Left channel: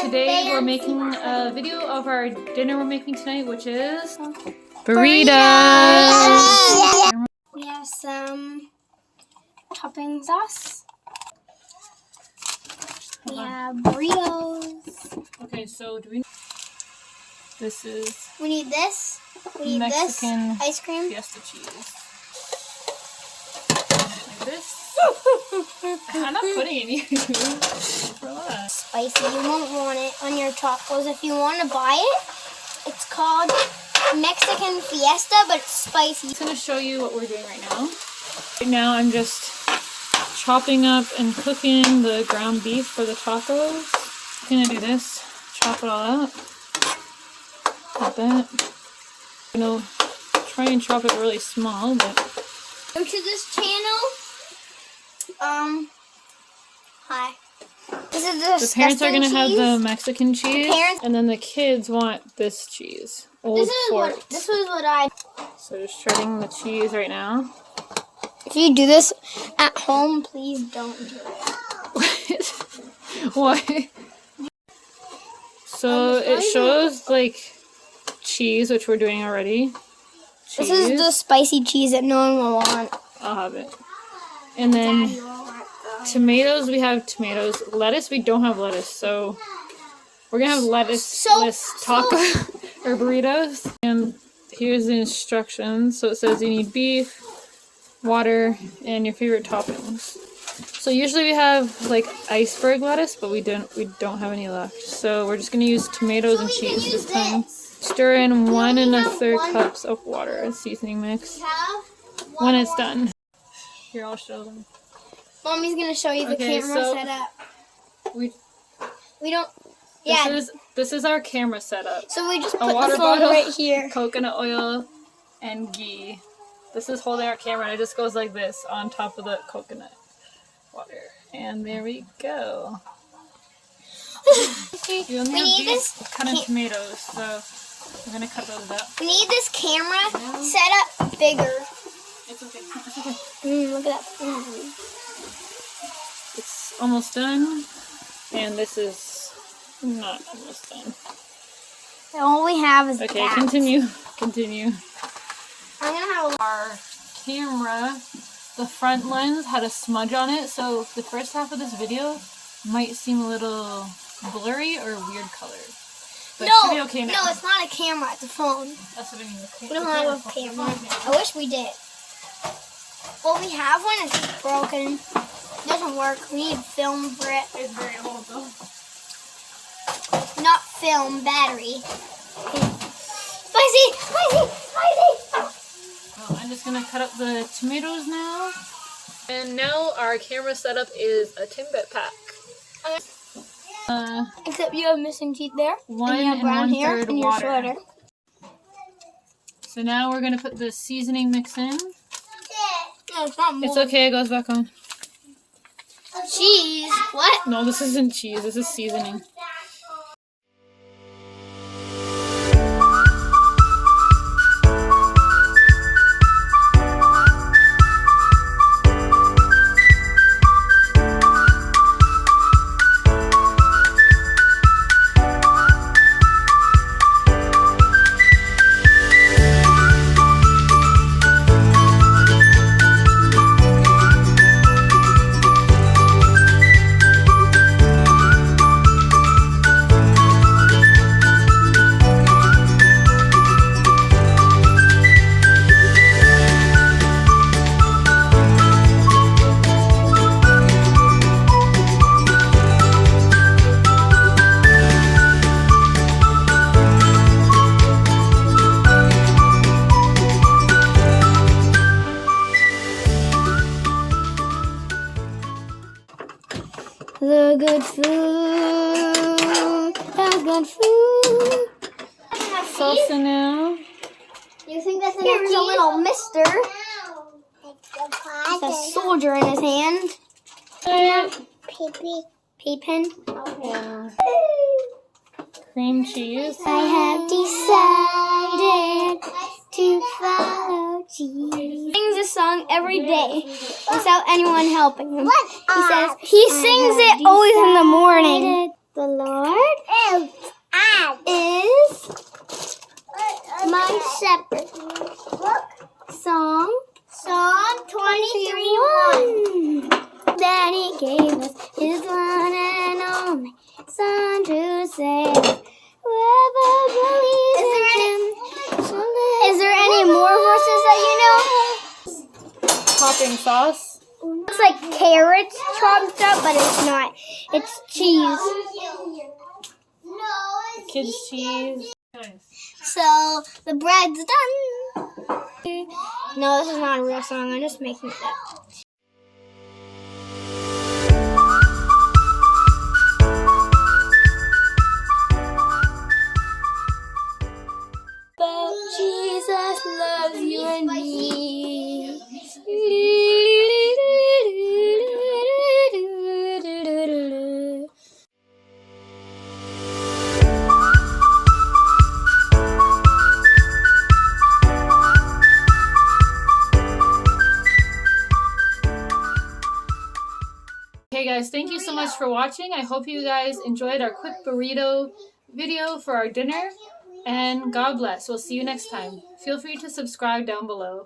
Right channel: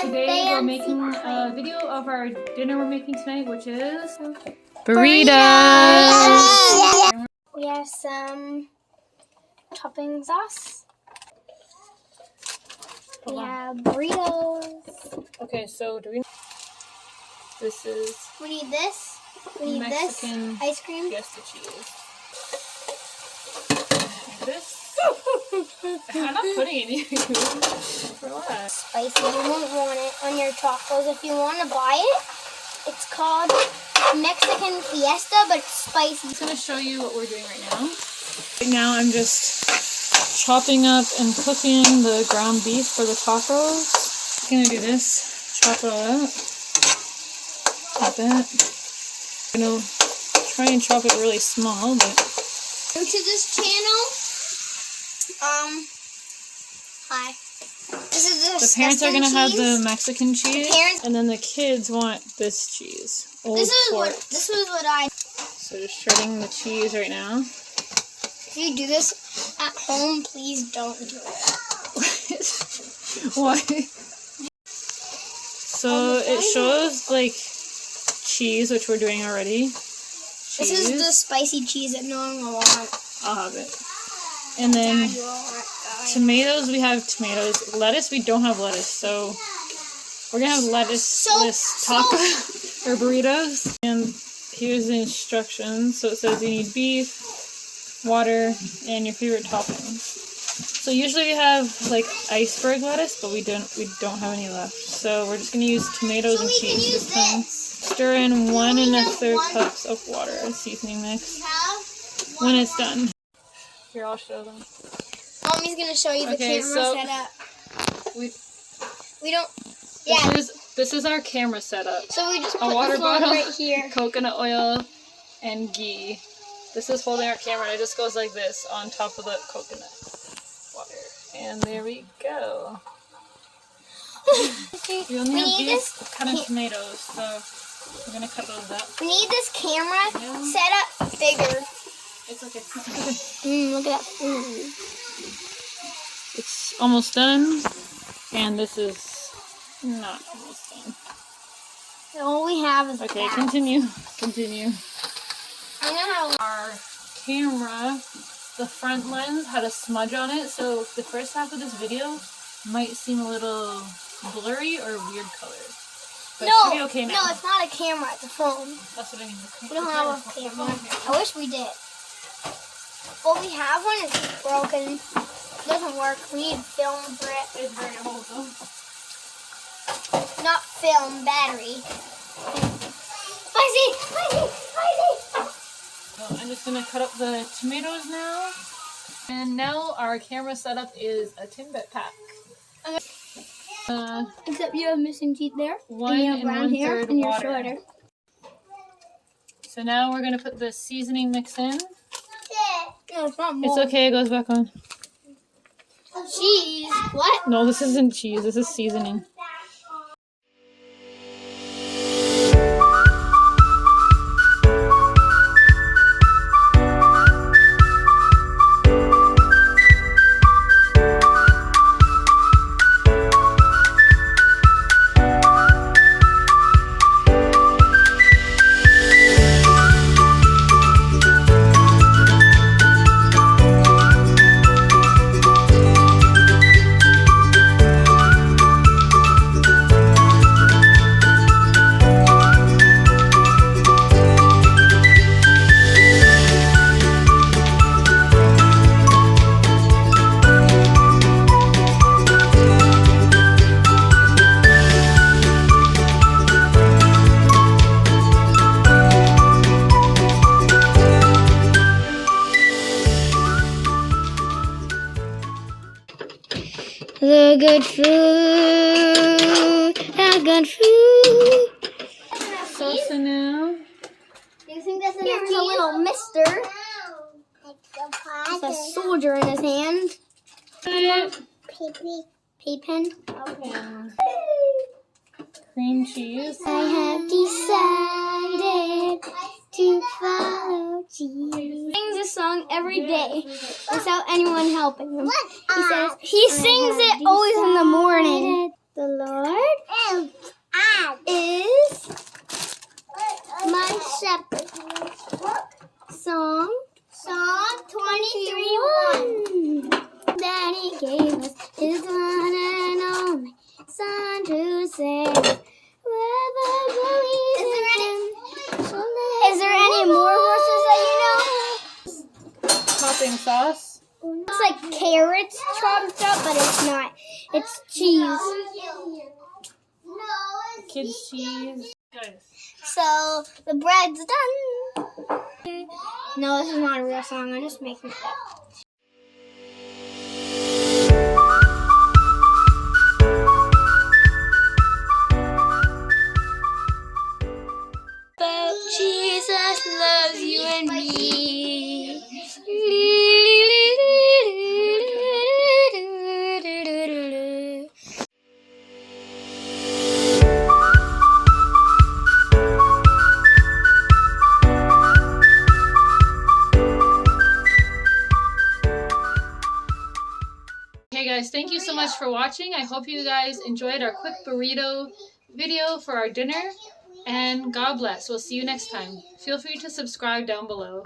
Today we're making a video of our dinner we're making tonight, which is burritos. We have some topping sauce. We have burritos. Okay, so do we? This is. We need this. We need Mexican this ice cream. Fiesta cheese. Like this. I'm not putting any. Relax. Spicy. You won't want it on your tacos. If you want to buy it, it's called Mexican Fiesta, but it's spicy. I'm just gonna show you what we're doing right now. Right now, I'm just chopping up and cooking the ground beef for the tacos. I'm gonna do this. Chop it all out. Like that. I'm gonna try and chop it really small, but. New to this channel. Hi. This is the parents are gonna cheese. have the Mexican cheese, and then the kids want this cheese. This was what I. So just shredding the cheese right now. If you do this at home, please don't do it. Why? So it shows like cheese, which we're doing already. Cheese. This is the spicy cheese that no one will want. I'll have it. And then tomatoes, we have tomatoes. Lettuce, we don't have lettuce. So we're gonna have lettuce-less taco or burritos. And here's the instructions. So it says you need beef, water, and your favorite toppings. So usually we have like iceberg lettuce, but we don't have any left. So we're just gonna use tomatoes and cheese this time. Stir in 1 1/3 cups of water, a seasoning mix. When it's done. Here, I'll show them. Mommy's gonna show you the camera setup. We don't. Yeah. This is our camera setup. So we just a put water the phone bottle, right here. Coconut oil, and ghee. This is holding our camera, and it just goes like this on top of the coconut water. And there we go. We only have these kind of tomatoes, so we're gonna cut those up. We need this camera set up bigger. It's okay. Look at that. It's almost done, and this is not almost done. All we have is okay. that. Continue. I'm gonna have Our camera, the front lens had a smudge on it, so the first half of this video might seem a little blurry or weird color. But it should be okay now. No, it's not a camera, it's a phone. That's what I mean. We don't have a camera. I wish we did. Well, we have one, it's broken. It doesn't work. We need film for it. It's very old though. Not film, battery. Spicy! Spicy! Spicy! Well, I'm just gonna cut up the tomatoes now. And now our camera setup is a Timbit pack. Except you have missing teeth there. 1 and you have brown hair 1/3 and you're water. shorter. So now we're gonna put the seasoning mix in. No, it's not more. It's okay, it goes back on. Cheese? What? No, this isn't cheese, this is seasoning. The good food, the good food. Salsa now. You think that's Here's a little mister. With a soldier in his hand. Pea-pen. Yeah. Cream cheese. I have decided to follow Jesus. He sings this song every day without anyone helping him. He sings it always in the morning. The Lord Son to sing. Whoever believes in him. Is there any more verses that you know? Topping sauce. Looks like carrots chopped up, but it's not. It's cheese. Kids cheese. So the bread's done. No, this is not a real song. I'm just making it up. But Jesus loves you and me. Hey guys, thank you so much for watching. I hope you guys enjoyed our quick burrito video for our dinner. And God bless. We'll see you next time. Feel free to subscribe down below.